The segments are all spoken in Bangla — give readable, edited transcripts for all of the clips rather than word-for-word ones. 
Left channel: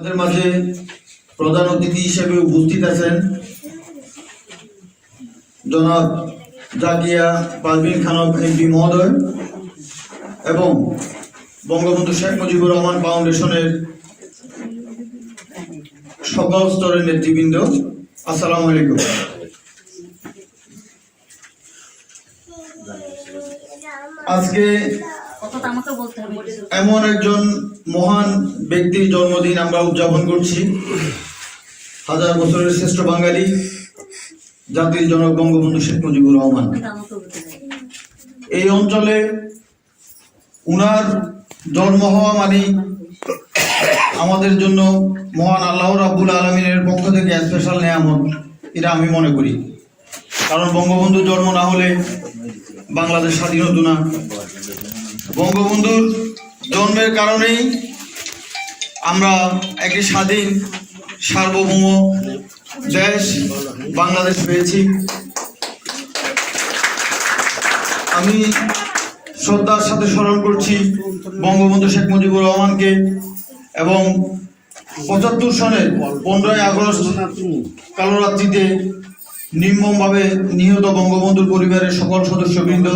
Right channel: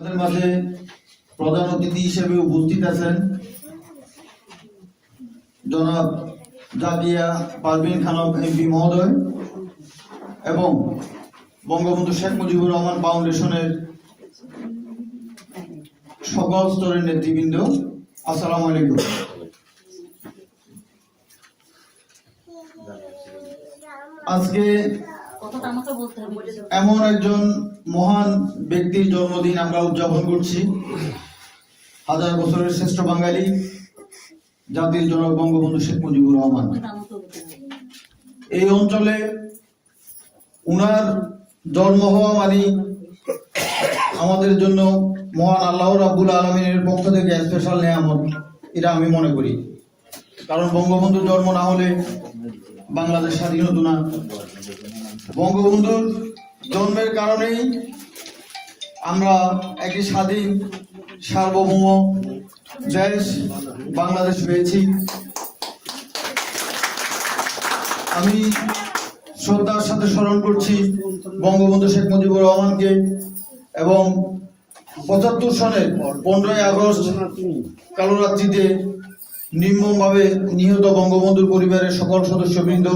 আমাদের মাঝে প্রধান অতিথি হিসেবে উপস্থিত আছেন জনাব জাকিয়া পারভিন খানম এমপি মহোদয় এবং বঙ্গবন্ধু শেখ মুজিবুর রহমান ফাউন্ডেশনের সকল স্তরের নেতৃবৃন্দ, আসসালামু আলাইকুম। আজকে এমন একজন মহান ব্যক্তির জন্মদিন আমরা উদযাপন করছি, হাজার বছরের শ্রেষ্ঠ বাঙালি জাতির জনক বঙ্গবন্ধু শেখ মুজিবুর রহমান। এই অঞ্চলে উনার জন্ম হওয়া মানে আমাদের জন্য মহান আল্লাহ রাব্বুল আলামিনের পক্ষ থেকে স্পেশাল নেয়ামত, এটা আমি মনে করি। কারণ বঙ্গবন্ধুর জন্ম না হলে বাংলাদেশ স্বাধীন হতো না। বঙ্গবন্ধুর জন্মের কারণেই আমরা একটি স্বাধীন সার্বভৌম দেশ বাংলাদেশ পেয়েছি। আমি শ্রদ্ধার সাথে স্মরণ করছি বঙ্গবন্ধু শেখ মুজিবুর রহমানকে এবং ৭৫ সালের 15ই আগস্ট কালোরাত্রিতে নির্মমভাবে নিহত বঙ্গবন্ধুর পরিবারের সকল সদস্যবৃন্দ,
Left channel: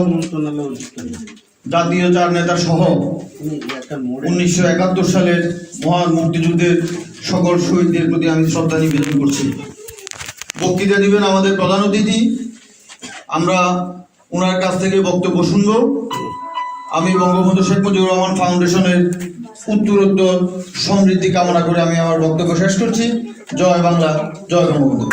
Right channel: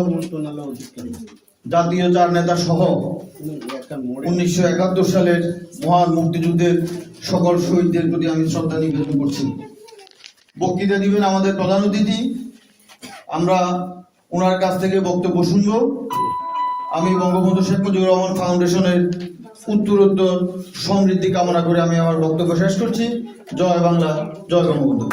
জাতীয় চার নেতা সহ 1971 সালের মহান মুক্তিযুদ্ধের সকল শহীদদের প্রতি আমি শ্রদ্ধা নিবেদন করছি। বক্তৃতা দিবেন আমাদের প্রধান অতিথি, আমরা ওনার কাছ থেকে বক্তব্য শুনব। আমি বঙ্গবন্ধু শেখ মুজিবুর রহমান ফাউন্ডেশনের উত্তরোত্তর সমৃদ্ধি কামনা করে আমি আমার বক্তব্য শেষ করছি। জয় বাংলা, জয় বঙ্গবন্ধু।